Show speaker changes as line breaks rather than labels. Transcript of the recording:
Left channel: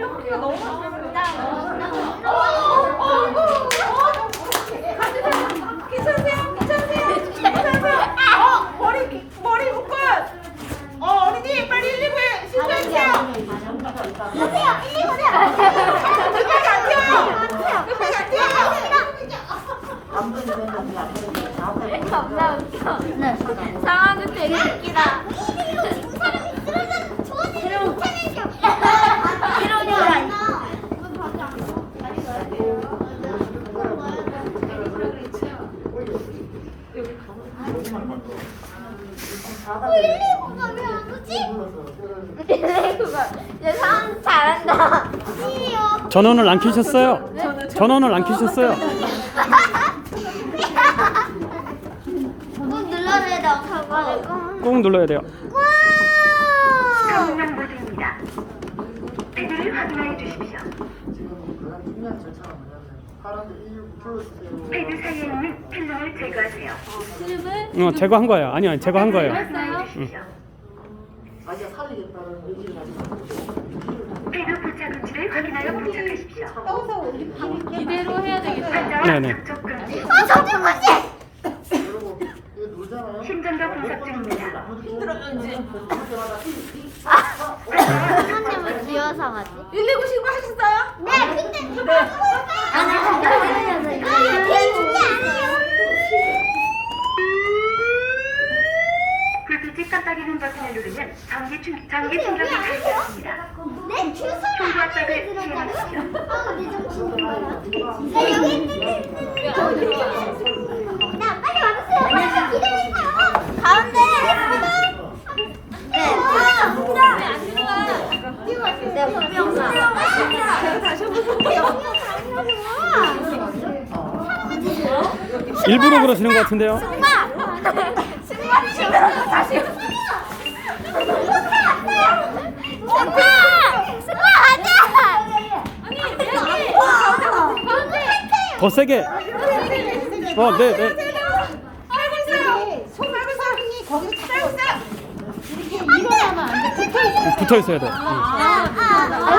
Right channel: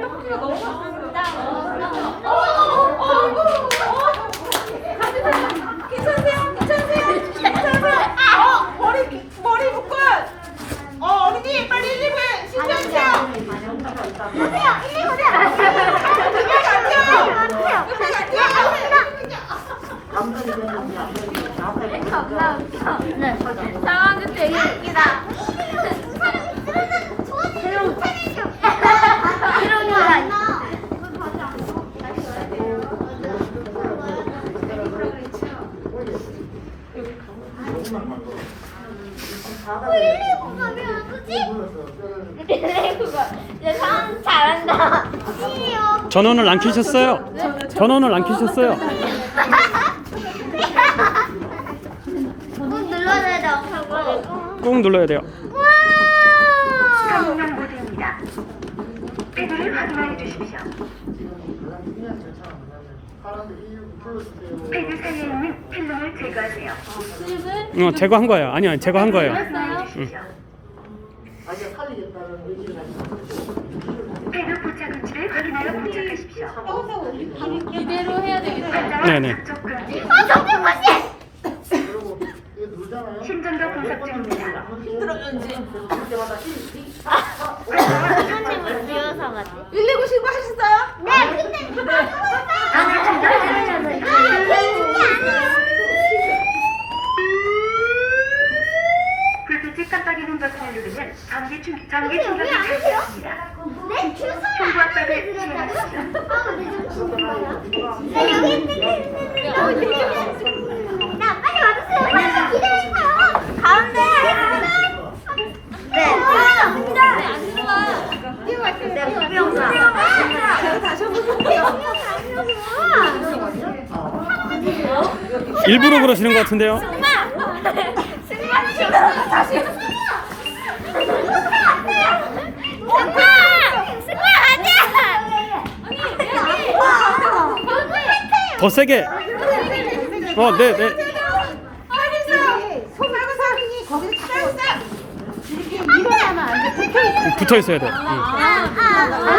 떡볶이가 너무 맛있어요. 괜찮으세요? 괜찮으세요? 괜찮으세요? 어, 머리, 머리 묶은! 어, 어린이, 빨리 119에 신고해주세요! 오세요! 119요! 급하게 안 뛰어요! 급하게 안 뛰어요!
겁나 웃겨. 네. 상황은 되게 웃기다. 이런 거 아니야.
전원을 안 켜셨어요? 전원을 안 켜셨어요?
꼭 눌러줘야 돼.
꾹 눌러야 돼요.
탐정 모드입니다. 패드를 확인해 주십시오. 패드 사이에 있는 필름을 제거하세요.
슬립을
어, 제거한 거예요. 아니요, 제거한 거예요.
패드 부착 위치를 확인하여 부착하십시오.
이대로 해야 되겠다.
환자와
네네.
접촉 금지.
아, 잠깐만요.
심전도 분석 중입니다.
선생님을 비워서 가지.
119 신고하셨어요?
네, 근데 안
깜빡이는 버튼을 누르면 전기 충 전기 충격이 발생합니다. 청구 압박을 시행하십시오.
네, 여기 있는데. 나 빨리 와주세요. 빨리 기다리세요. 가운데 하겠습니다. 네. 안 좋아. 네, 분명사.
다시 해보세요.
일부러 그러시는 것 같은데요. 더 세게. 어, 네, 네. 붙어 있어야 돼. 응.